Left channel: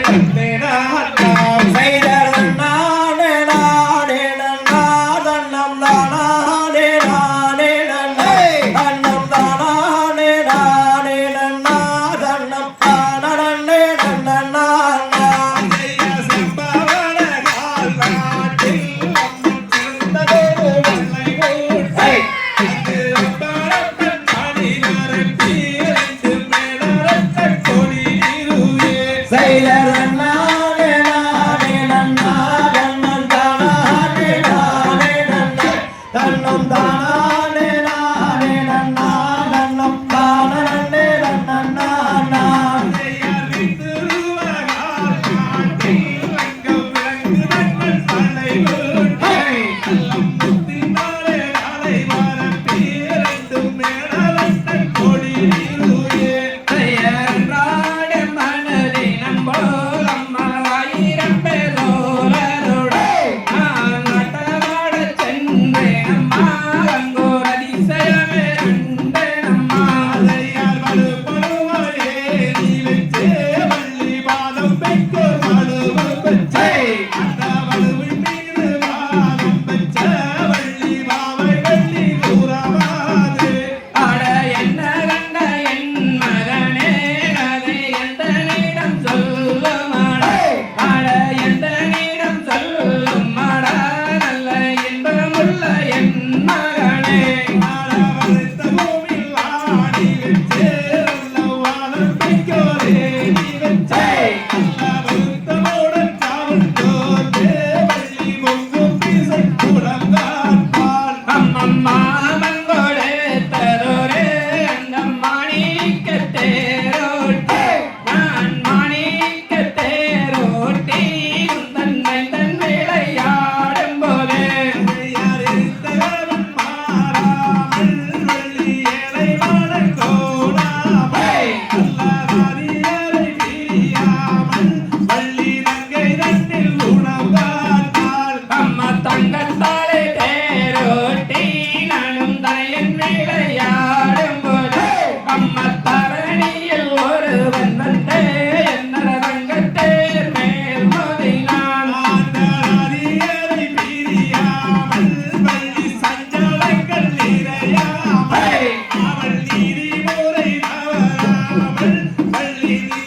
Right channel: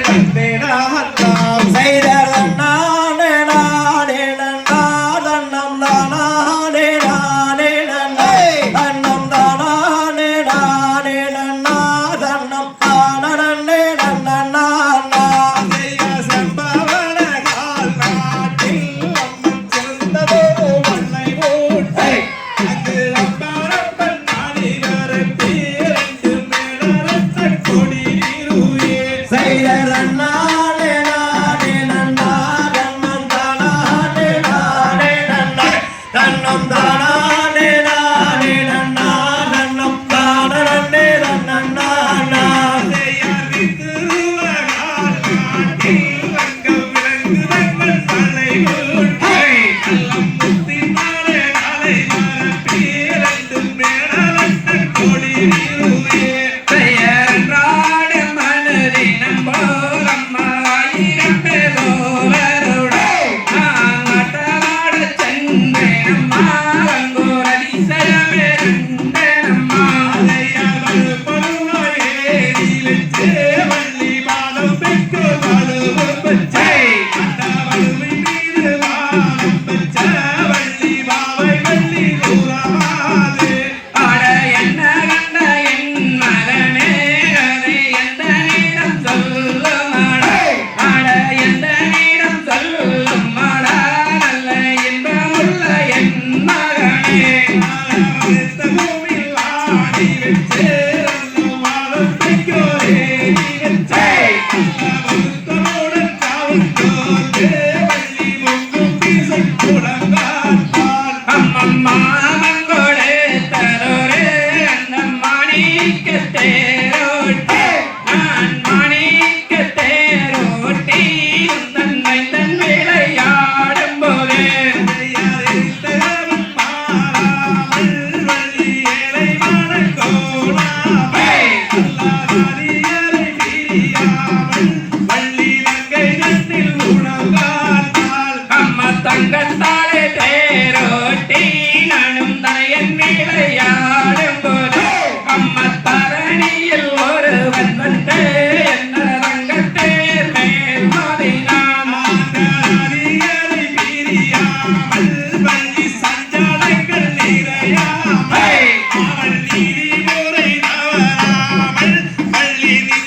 தந்தே அட கமல் மல்லினி